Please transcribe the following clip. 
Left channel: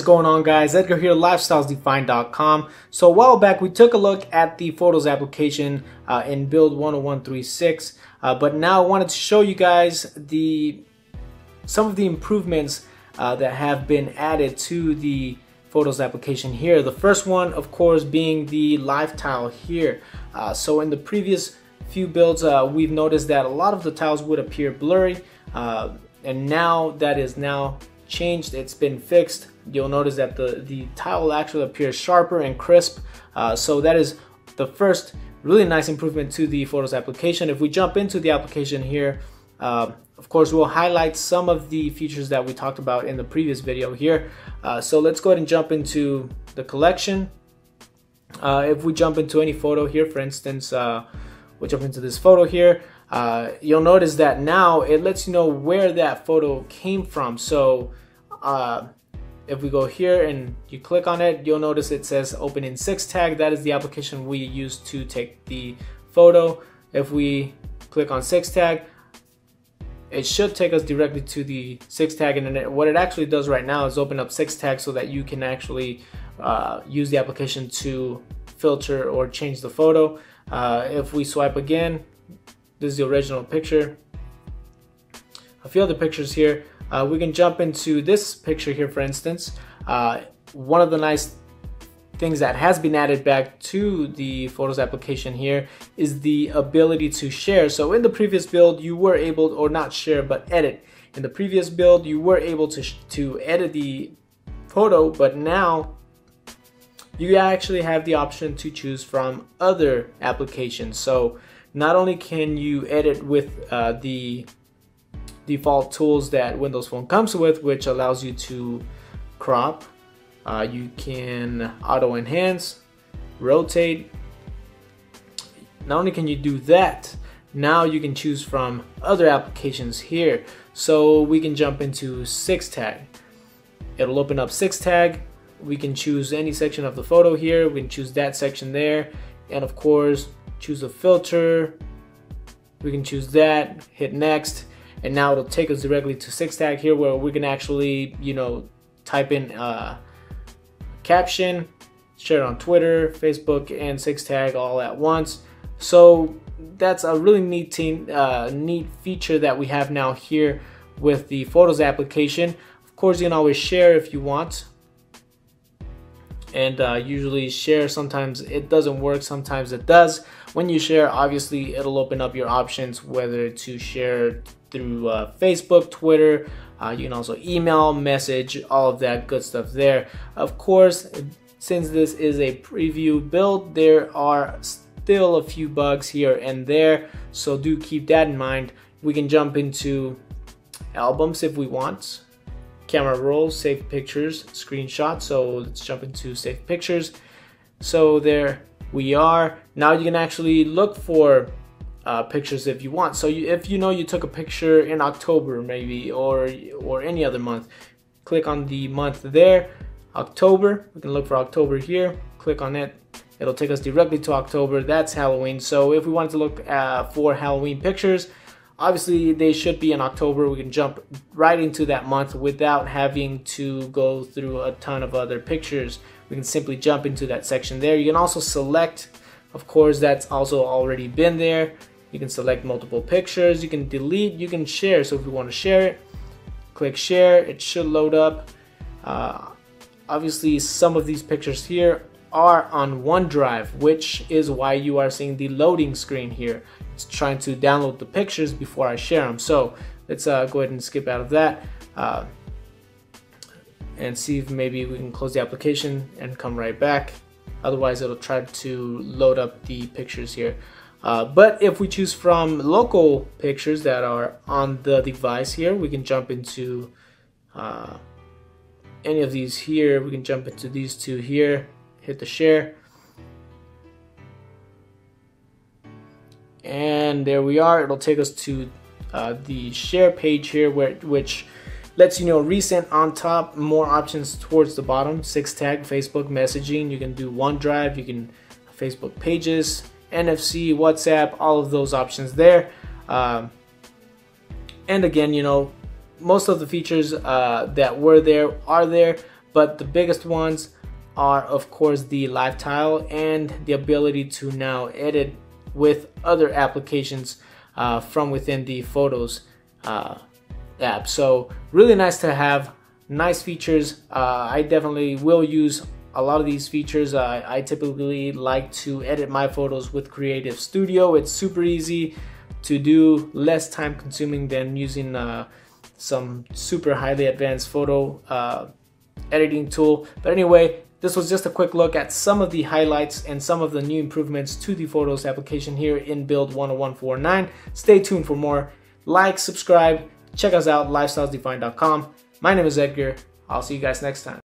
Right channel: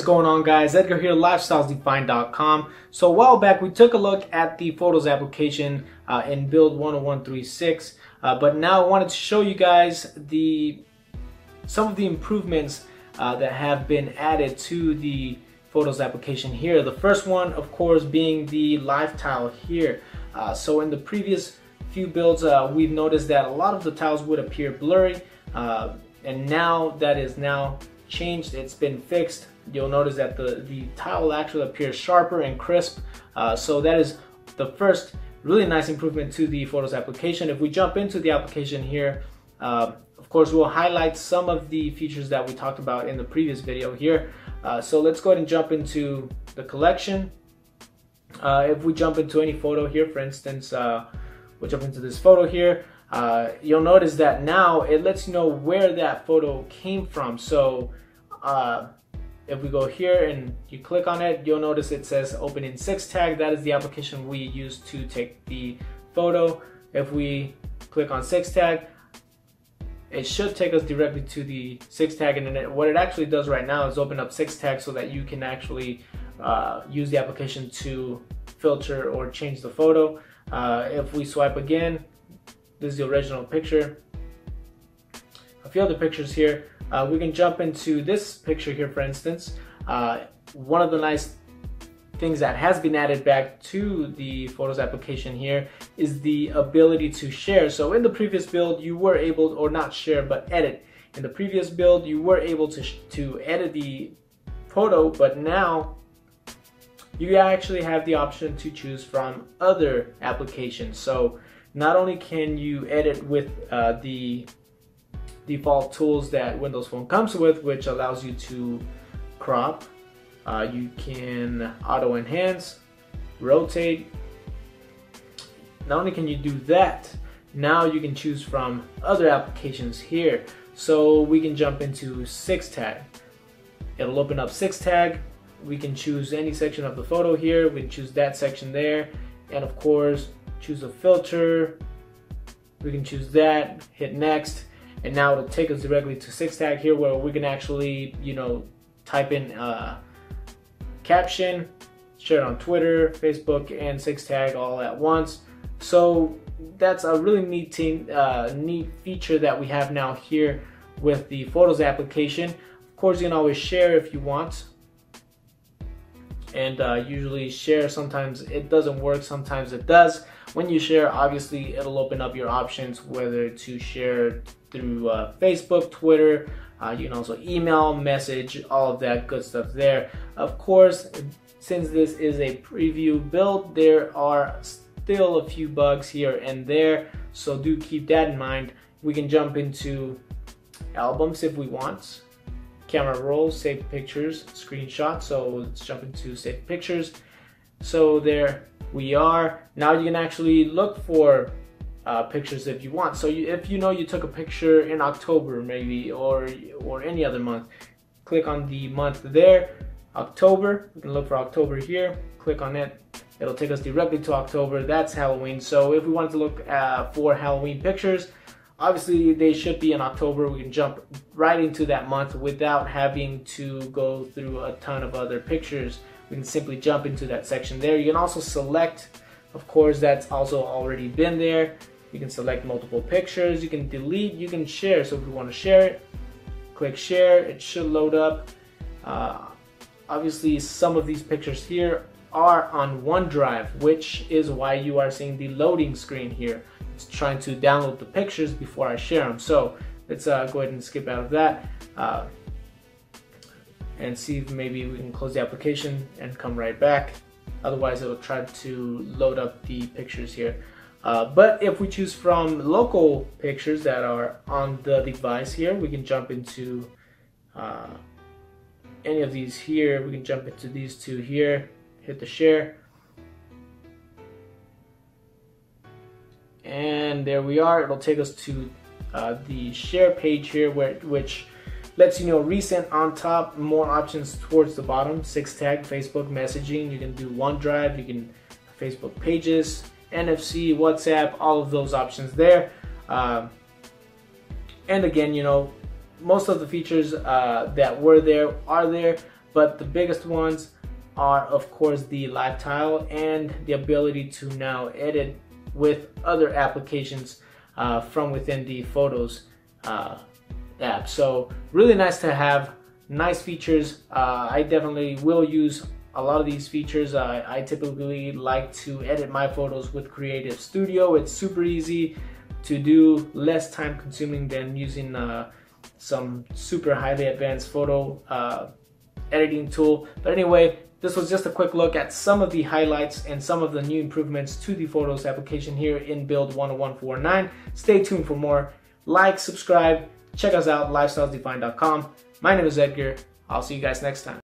is going on, guys? Edgar here, lifestylesdefined.com. So a while back we took a look at the photos application in build 10136, but now I wanted to show you guys some of the improvements that have been added to the photos application here. The first one, of course, being the live tile here. So in the previous few builds, we've noticed that a lot of the tiles would appear blurry, and now that is now changed. It's been fixed. You'll notice that the tile actually appears sharper and crisp. So that is the first really nice improvement to the photos application. If we jump into the application here, of course we'll highlight some of the features that we talked about in the previous video here. So let's go ahead and jump into the collection. If we jump into any photo here, for instance, we'll jump into this photo here. You'll notice that now it lets you know where that photo came from. So if we go here and you click on it, you'll notice it says open in 6tag. That is the application we use to take the photo. If we click on 6tag, it should take us directly to the 6tag, and then what it actually does right now is open up 6tag so that you can actually use the application to filter or change the photo. If we swipe again, this is the original picture. A few other pictures here. We can jump into this picture here, for instance. One of the nice things that has been added back to the photos application here is the ability to share. So in the previous build, you were able, or not share, but edit. In the previous build, you were able to edit the photo, but now you actually have the option to choose from other applications. So not only can you edit with the default tools that Windows Phone comes with, which allows you to crop, you can auto enhance, rotate. Not only can you do that, now you can choose from other applications here. So we can jump into 6tag. It'll open up 6tag. We can choose any section of the photo here. We can choose that section there, and of course choose a filter. We can choose that, hit next, and now it'll take us directly to 6tag here, where we can actually, type in caption, share it on Twitter, Facebook, and 6tag all at once. So that's a really neat feature that we have now here with the photos application. Of course, you can always share if you want, and usually share, sometimes it doesn't work, sometimes it does. When you share, obviously it'll open up your options, whether to share through Facebook, Twitter, you can also email, message, all of that good stuff there. Of course, since this is a preview build, there are still a few bugs here and there, so do keep that in mind. We can jump into albums if we want, camera roll, save pictures, screenshot. So let's jump into save pictures. So there we are. Now you can actually look for pictures if you want. So if you took a picture in October maybe, or any other month, click on the month there, October. We can look for October here, click on it. It'll take us directly to October. That's Halloween. So if we wanted to look for Halloween pictures, obviously they should be in October. We can jump right into that month without having to go through a ton of other pictures. We can simply jump into that section there. You can also select, of course, that's also already been there. You can select multiple pictures, you can delete, you can share. So if we want to share it, click share, it should load up. Obviously some of these pictures here are on OneDrive, which is why you are seeing the loading screen here. It's trying to download the pictures before I share them. So let's go ahead and skip out of that and see if maybe we can close the application and come right back. Otherwise it'll try to load up the pictures here. But if we choose from local pictures that are on the device here, we can jump into any of these here. We can jump into these two here, hit the share, and there we are. It'll take us to the share page here, which lets you know recent on top, more options towards the bottom, 6tag, Facebook messaging. You can do OneDrive, you can Facebook pages, NFC, WhatsApp, all of those options there. And again, most of the features that were there are there, but the biggest ones are of course the live tile and the ability to now edit with other applications from within the Photos app. So really nice to have, nice features. I definitely will use a lot of these features. I typically like to edit my photos with Creative Studio. It's super easy to do, less time consuming than using some super highly advanced photo editing tool. But anyway, this was just a quick look at some of the highlights and some of the new improvements to the Photos application here in build 10149. Stay tuned for more. Like, subscribe, check us out, lifestylesdefined.com. My name is Edgar. I'll see you guys next time.